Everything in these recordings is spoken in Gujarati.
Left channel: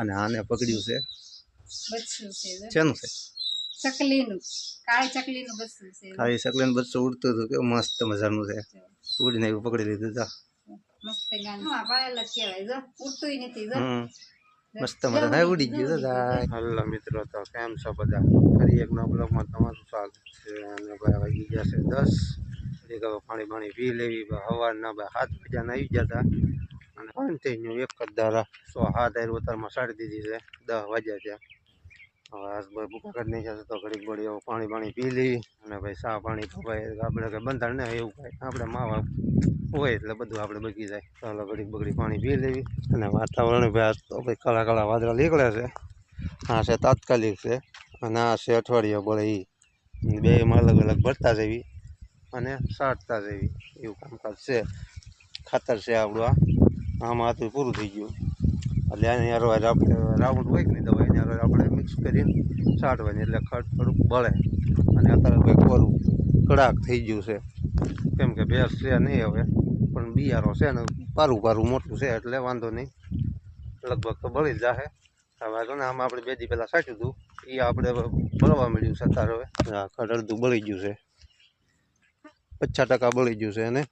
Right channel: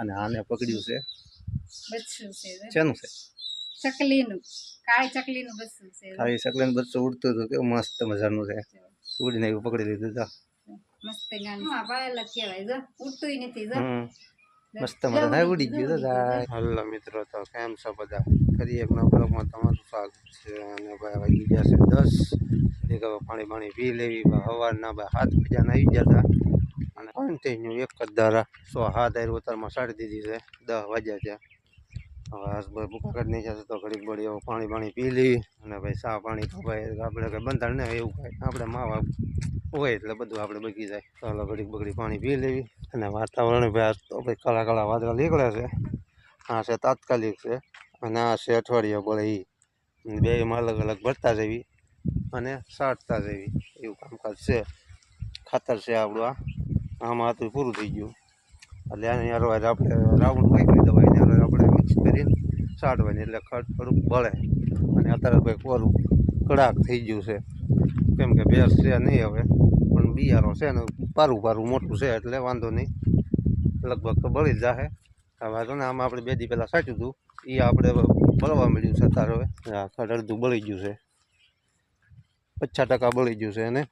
અને આને પકડ્યું છે બચ્ચું છે શેનું છે ચકલીનું કાળી ચકલીનું બચ્ચું છે ખાલી સકલેન બચ્ચું ઉડતું હતું કેવું મસ્ત મજાનું છે ઉડીને એવું પકડી લીધું જા મસ્ત ગાન હા પાળેલા કહેવાય જો ઉડતુંય નથી જો મસ્ત મજા થાય ઉડી ગયું દાદા હલો મિત્રો તો કેમ છો બધા ફરી એક નવા બ્લોગમાં તમારું સ્વાગત છે અને ભાઈ વાગી ગયા છે 10 પાણી પી લેવી સવારના 7 વાગ્યાના આવી ગયા હતા અને કન્ટિન્યુ એક જ ધારા 7 ઉતારમાં સાડી દીધી છે 10 વાગ્યા છે હવે આજ ભાઈ ભૂખા કરી નાખ્યા છે તો ઘડીક ઘડી પાણી પી લેવી અને ભાઈ ચા પાણી તો ભાઈ આપણે કંઈ બંધાણ ને એવું કાંઈ આપણે માવા હોય એટલે બધું આપણે બગી જાય ચાલો ઘડીક બગડી પાણી પી લેવી અને વાતાવરણ ભાઈ આજ તો ભાઈ કાળા કાળા વાદળા નીકળે છે આ છે તાત્કાલિક છે અને આ છે અઠવાડિયા બોલે એ બેમાં અલગ અલગ ભરતા જવી અને સાટતા જવી એવું કામકાજ છે ખાતર છે આપણું આમાં હતું પૂરું થઈ ગયું એટલે આની હારવાર આપણે રાઉન્ડ હોય ને દવા એની હારવાર આપણે મિક્સ કરીને સાટવાની એટલે ખડ થોડુંક બળે અને અત્યારે ભાઈ કોરું કડાક થઈ ગયું છે કેમ કે ભેંસ છે નહીં હવે પણ બિયારો છે ને પારું મોટું છે એટલે વાંધો નહીં લગભગ તો બળી જ જાહે હવે તો ને આમાં આપણે 2 દી પહેલાં સાચ્યું હતું એ આપણે બળવા મળ્યું છે અત્યારે હવે ખડ અડધું બળી ગયું છે 50% બળી ગયું છે અને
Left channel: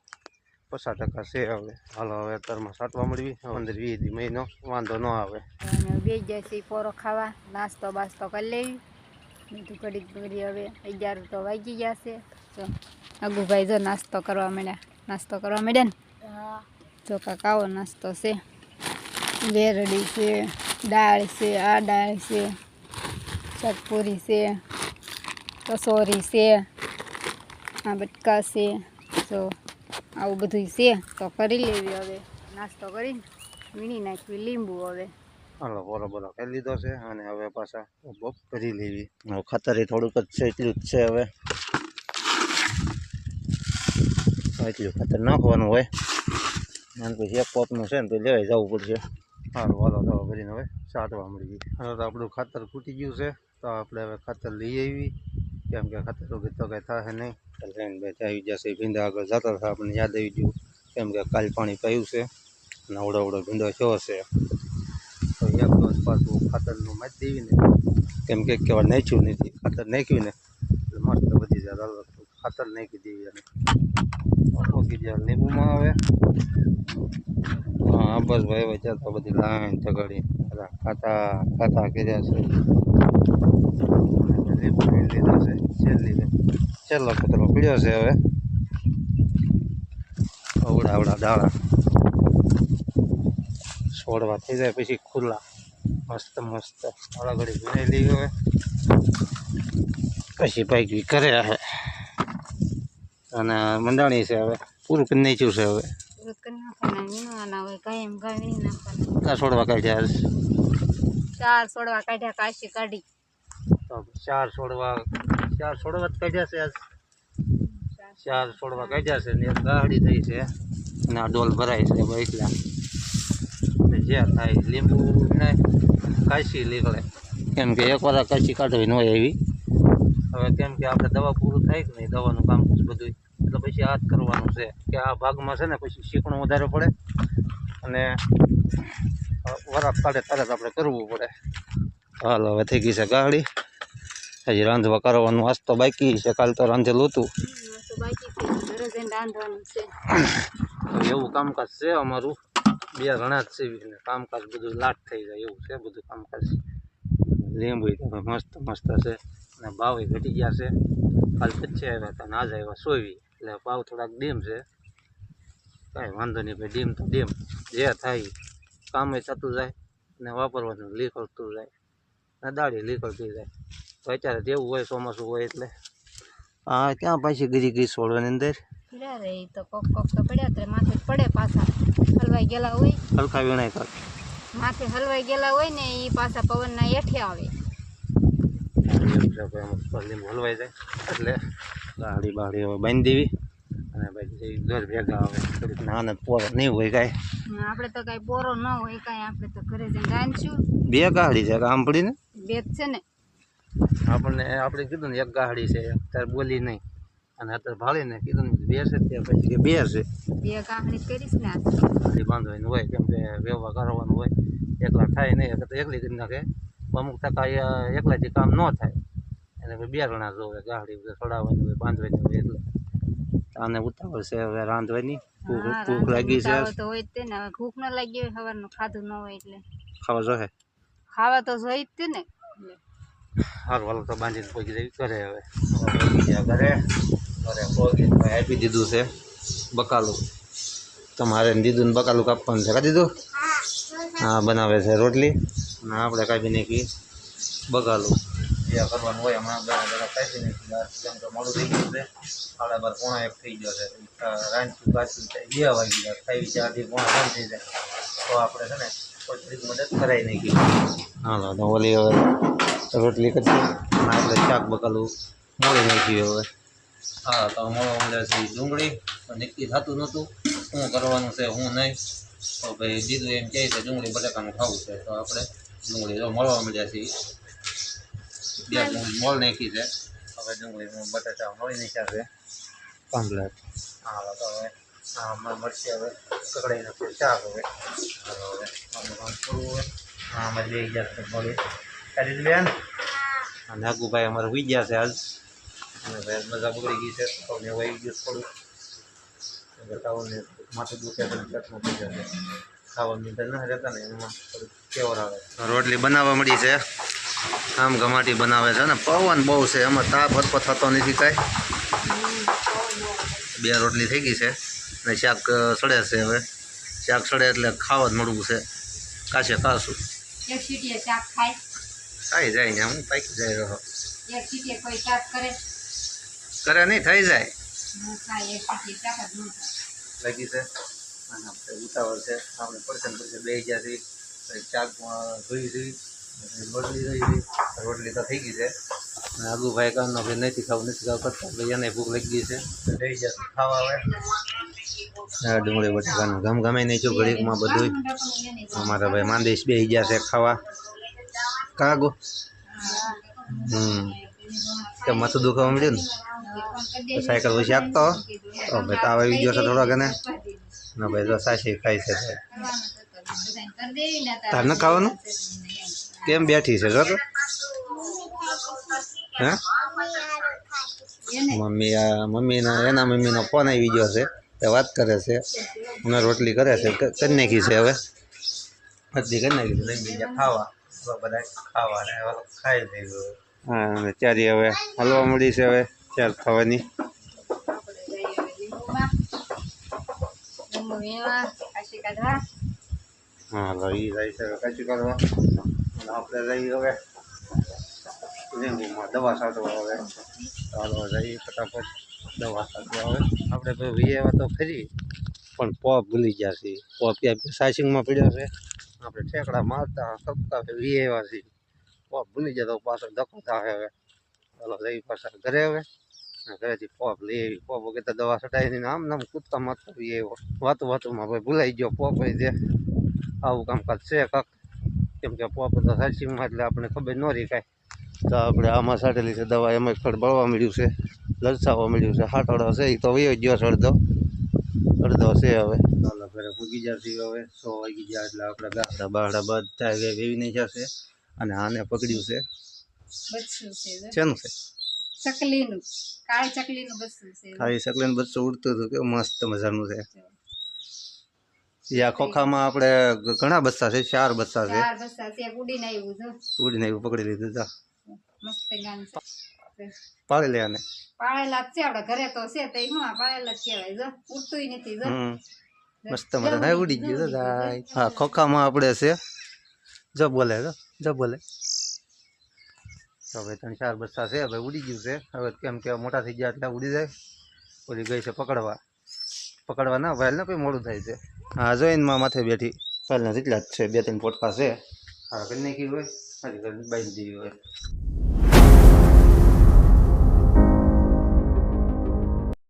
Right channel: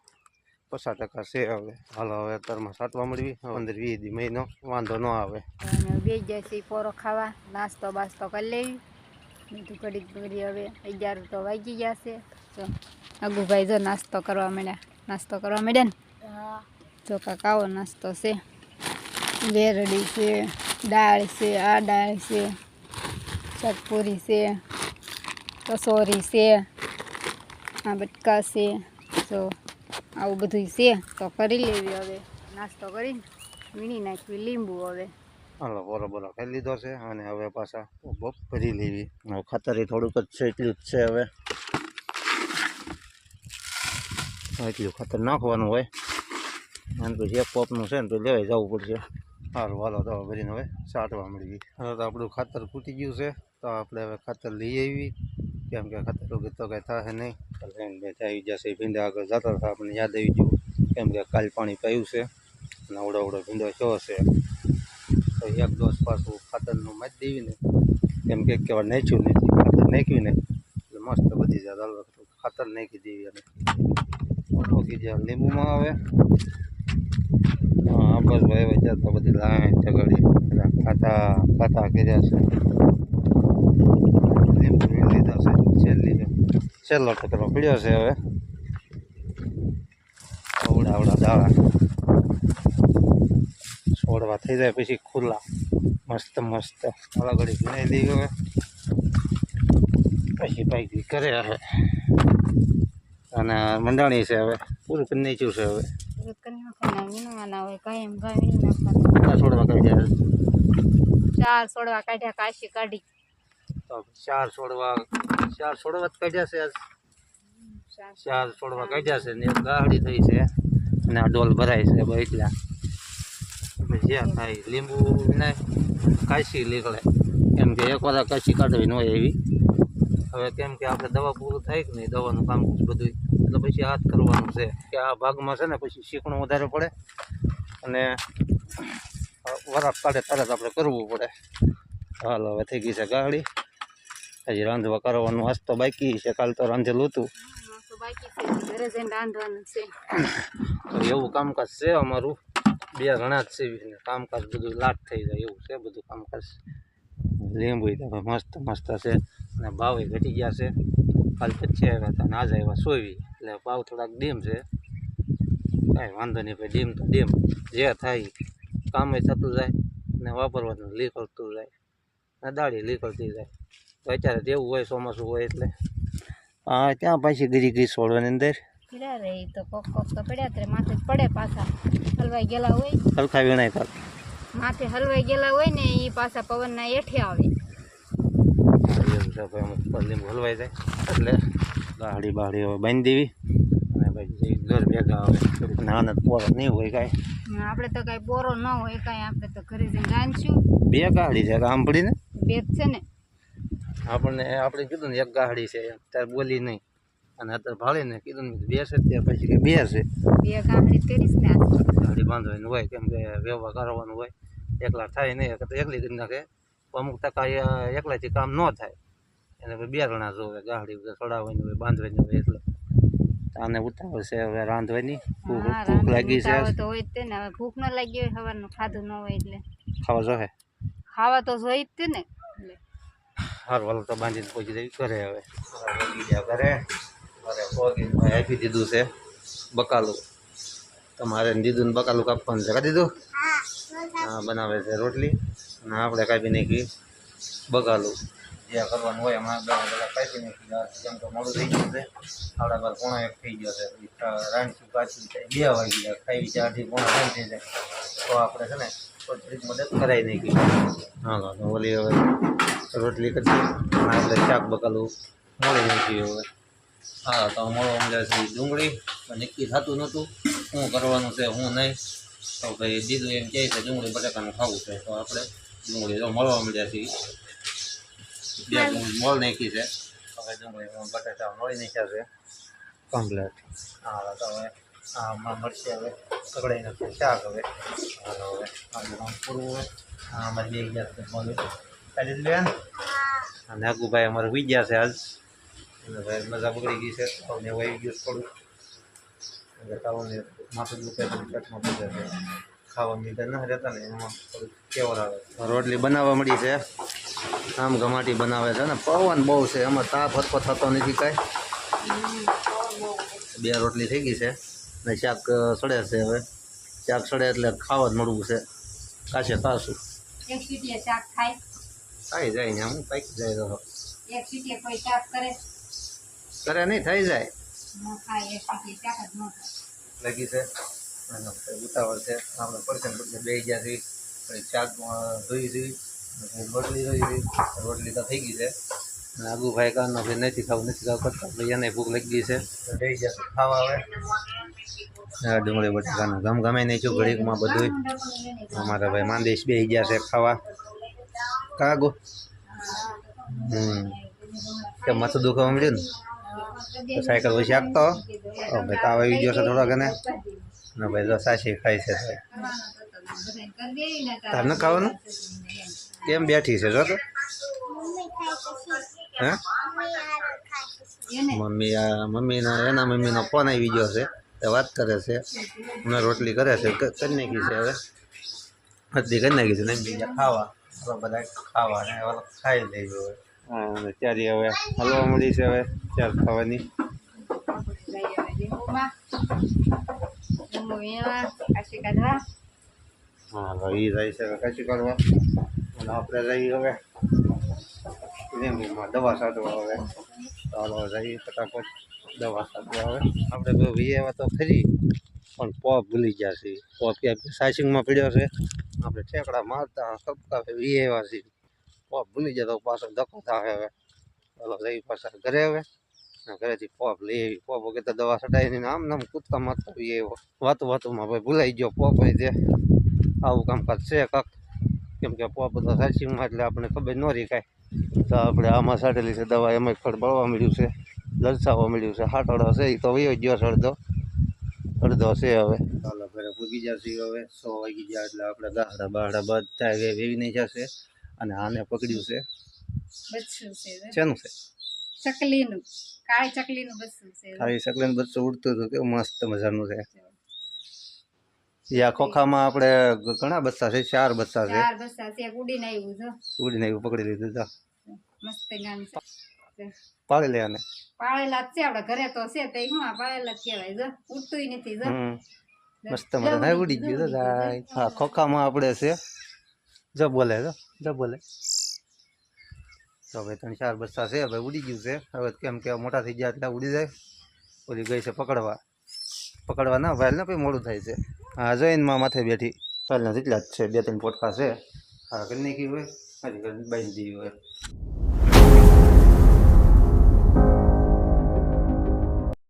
50% છે હવે હાલો હવે અત્યારમાં સાટવા મળવી 15-20 દી મહિનો વાંધો ન આવે બે જશે પોરો ખાવા નાસ્તો બાસ્તો કરી લેવી બધું ઘડીક ઘડી હવે 11 તો વાગી ગયા છે તો અગુભાઈ જો નાસ્તો કરવા મળ્યા ને જો કાકાઓ નાસ્તો છે વેરડી છે દાળ છે આ દાળ છે ચટપુરી છે કસોરી છે આ બટકા છે તો આવું બધું છે તો કરી લેવી હવે નાસ્તો કરીને વીણી નાખવી લીંબુ હવે હાલો બરોબર ખાઈ લીધો છે અને હવે પાછા બપ કરી લેવી હવે ખાતર થોડુંક જ છે એટલું જ છે હવે એટલું ખાતર નાખવાનું હોય અને પછી એક પોપનું છે ને તો લેવાઈ જવું પડશે સારું હાલો દવા ભરીને હવે સાટવા મળી ગઈ હવે તો આપણું ખાતર ખૂટી ગયું છે તો આપણે હવે ખાતર લઈ આવી કેમ કે ખાતર વગર તો કંઈ થાય નહીં લઈને ભાઈ આવી જશે ભીંડા આગળ જતા હતા આપણને યાદ આવી ગયું કેમ કે કાલ પાણી પાયું છે અને અવડો ભીંડો થયો છે તો એક ડોઝ પાછું ખાતરનું મારી દેવી ને કેમ કે કેવા નાખ્યું નથી ખાતર નાખ્યું ને એટલે મસ્ત બધી જાય હાલો ખાતર નાખી દેવી અને ઓગી જાય લીંબુમાં આવે હા બસ ભાઈ ભાઈ તો બધી લાઈન ચગાડી ખાતા કર્યા છે લીંબુ લીધા છે છેલ્લો કચરો પીડ્યો છે હવે આવડા દાણા છોડવા થઈ જાય પછી ખુલ્લા મસ્ત થોડા ઘડી ભીનાઈ લઈ હવે પછી પાકી કરે હવે અને મંડાણી છે હવે પૂરું કરી નાખ્યું છે હવે છોડવા કાઢ્યા 4 છોડવા કાઢ્યા કાશી કાઢી તો 4 છોડવા જ કાઢ્યા છે આજ 4 છોડવા કાઢ્યા છે ને એક ગાહડી થઈ છે અને આ ડોલ ભરાય છે એટલા જે થાય લીંબુ વિનાય કાશી નીકળે કેમ કે એકવાર કાશી કાઢવી ન હોય એવી હવે કેમ કે આપણે દવા પૂરું થાય કે નહીં દવાનું કામ બધું એટલે પછી હાથ કરવાનું છે કે આ ભાગમાં છે ને પછી શીકણું વધારે પડે અને વરાપ કાઢે તરત આપણે કરવું પડે હાલો હવે થઈ ગઈ છે ગાડી હજી રાંધવા કરવાનું આજ તો બાકી છે કાલ તો રાંધેલું હતું એવું કામકાજ છે અમારું 2 જણા જ છે કામકાજ બધું લાટ થઈ જાય એવું છે બધું કામકાજ લીંબુ મસ્ત છે અને ભાવ ઘટી ગયા છે કાલ 25 આવ્યા હતા અને આજે આવ્યા 24 એટલે ભાવ થોડાક ડીમ છે કાંઈ વાંધો નહીં ભાઈ ડીમ તો ડીમ જે થાય કામ થતું જાય ને વાપરવાનું નીકળતું જાય ને દાળી નીકળતી જાય તો અત્યારે તેવું હોય ચોમાસું હોય એટલે હા ક્યાં પાછી ગીરી છોડવાની અંદર તો કોક તો પડ્યા ત્યારે માથે પડે પાછા હલવાઈ ગયેલા હોય હલકા વીણાય કાલ માથે હલવાઈ ગયેલા હોય ને એ પાછા પવનના હેઠે આવે એવું છે ભાઈ અમુક લીંબુ હલવાઈ જાય એટલે ગાડી બાળી હવે બાંધી દેવી અને પછી ઘર ભેગા આવે થોડીક નાના પોરો નહીં હોય કાંઈ આપણે તો કાંઈ પોરો ન હોય કાંઈ આપણે તો ઘરે જઈને રાંધશું 2 ગાડી છે આમ પડીને 2 જ છે ને આપણે કીધું ને 1 ગાડી છે ત્યારે બોલી નહીં અને અત્યારે ભાળીને કીધું ને 2 છે ત્યારે પછી કે 2 છે 2 ગામડી કરીશ ને ગાડી બાંધવાની હોય કેમ કે વ્યવહાર કરવાનું હોય એકલા થાય નહીં તો એકલી કરી નાખે અમુક ટકા એકલાથી કામ ન થાય એને ભાઈ 2 જણા જોવે ગાડી ચડાવવાની હોય બાંધવાની હોય એટલે આને ઉતાવળ છે હવે રાંધવાની ભૂખ લાગી છે તો હોય જ તે ને હવે ભૂખ ન લાગી હોય સવારનું ખાધું ન હોય એટલે ખાવા જોઈએ ખાવા તો જોઈ જ તે ને એટલે સારું હાલો તો બાંધીને પહોંચી જઈ ઘરે હવે ઘરે પહોંચી આપી દીધું છે બકાલું તમારે દીધું ને બકાલું કાપવાનું છે કાઢી દીધું હા બનાવે છે રોટલી અને આપણે કાપી નાખી બકાલું જે કરવાનું હોય એમાં બધા કાપી નાખી કેમ કે મોડું થઈ ગયું છે 12:30 પોણા 1 થઈ ગયો છે રાંધશું કાચું 2 વાગી ગયા ખાઈ 4 પોણા 3 થઈ જાય તો આપણે છે ને થોડીક મદદ કરાવી નાખી હાલો તો ઓલી હવે રોટલી કરશું અને આપણે શાક બકાલું મોડી નાખ્યું હવે હા તો મળવા મળ્યા છે ડુંગળી નક્કી થતું નહોતું શું કરવાનું છે શું નહીં તો ભાઈ દીધું એમ કહે છે ડુંગળી બટાકાનું ખાવું છે તો આપણે ડુંગળી તો મળવા મળ્યા છીએ 2 ડુંગળી મોળ નાખી છે હવે ડુંગળી બટાકા મળી નાખ્યા છે કમ્પ્લેટ હા તો હવે આમાં મળશે હવે કકડાઈ નાખશે શાક હવે હાલો હવે આપણું કામ પૂરું હોય આમાં 2000 મળી કાઢી બેન અને આગુભાઈ અમારે હોઈ ગયા છે આજ અને ભાઈ મજા બગડી ગઈ છે તાવને વાઈ ગયું થોડું તાવને માથું દુખે તો પેટમાં પડી જશે ખાવા મીઠા ના રહેતા ને એમાં થોડુંક કેવર આવે રોટલી બનાવવા મળી છે આમ ગમાટી બનાવે છે ને પવન બહુ છે એમાં તાપ હરકો થતો નથી કાંઈ 2 રોટલી થઈ ગઈ છે ને શાક સડે છે હવે શાક સડે એટલે ખાવા જ મળવું છે કાશે ખાશું એક સીટીએ શાક ખાય ખાઈ જાય ને હું પાકી જાય રહો એક સીટીએ કોઈ શાક કરે કરે નહીં થઈ જાય ન ખાય એક સીટીએ શાક જ ન થાય લાગી છે અને ઉતાવળ છે આપણે પડશે બે ગયા છીએ શાક ધોઈ છીએ રોટલી ધોઈ હતી રોટલી તો થઈ ગઈ છે અને આગુભાઈ કારનો ભાઈ નથી ખાવું કરતા ભાઈ એને ભૂખ લાગી ગઈ છે થઈ જશે ખાવા આવે ડુંગળી બટાકાનું ગમે નહીં છું ઘડીકમાં બધું અમારા ભાઈ માંદેશ બે ગયા છે ખાવા કાગો કે માથું દુખાવા મળ્યું ને સાયકલ પછી આપતો ભાઈ તાવ આવી ગયો છે થોડોક એને ના ભાઈ તો સાચી ખાઈ છે તાર ન ખાવાનું કેમ બેઠી છે જો તો હે એના મમ્મીનો ફોન આવી ગયો છે એ વાત કરે છે મને રોટલી કરે છે કરી નાખી છે હવે બધી કરી નાખી છે નહીં બીજા ખાવા બધા ખાવા ને ખાઈ લઈ હવે હા ચારી હવે હલવા મળી છે હવે ચાર ખાવાની હા લઈ જાય છે કાચી કરવા અને આપણે લઈ હવે લીંબુમાં દવા છાંટવા હવે ચાલો જઈએ ફટાફટ દવા છાંટવા હવે આપણે વીએવા તો ખરી પણ પોપ ભૂલી ગયા છીએ પોપ ક્યાં સાઇસિંગમાં પડ્યો છે આપણે ઠેકડા મારતા કપકા વીએવા છીએ પોપ ભૂલી ગયા તો પાછળ ધક્કો થાય હવે ચાલો જઈ પાછા ઘરે હવે ઘરેથી પોપ લઈ આવી પોપ વગર તો દવા છટાઈ નહીં આમ નામ કૂદકા મારતા વીએવો વાતુમાં ભાઈ ભૂલાઈ ગયો પોપ છે આવું કામકાજ છે કાંક કેમ કે પોપ તો સાઇસિંગમાં એટલે આપણે ખબર ન રહી કાંઈ તો આપણે આમાં છાંટેલી છે દવા એમાં ફળ બળવા મળ્યું છે લલચાવા મળ્યું છે હાટડો છે એ તો વયો ગયો છે અડધો છે હવે ચાલો ઘરે પૂગી જશે હવે 100 વાગી ગયા એટલે આપણે ગાહડા બાહડા બધા વેવી નહીં જશે અને આને પકડ્યું છે બચ્ચું છે શેનું છે ચકલીનું કાળી ચકલીનું બચ્ચું છે કાળી ચકલીનું બચ્ચું ઉડતું હતું કેવું મસ્ત મજાનું છે યા ખોખામાં આપણે ઘણા બચ્ચા છે 4 બચ્ચા છે 4 બચ્ચા છે ઉડીને આવ્યું જો ઉડીને આવ્યું પકડી લીધું જા મસ્ત ગાન છે પાડી લે આને પાળેલા જ છે આપણે ઘરે તો છે તો હું પાળેલા જ કહેવાય જો ઉડતુંય નથી જો મસ્ત મજા ઉડી ગયું તો હા ખોખામાં આપણે છે જો બોલે તો હવે 3-4 બચ્ચા છે હવે ઉડી ગયું છે હવે કેમ કે મોટા થઈ ગયા એટલે ઉડી જાય ઓલી ગઈ છે પકડવા ના વાયલ ને પછી મોડું થાય છે હા જોઈનમાં માથે બેઠી વાયલના જેટલા જ છે 2-3 પોટકા છે હા કરી નાખી હોય હજી બાંધી દીધી હોય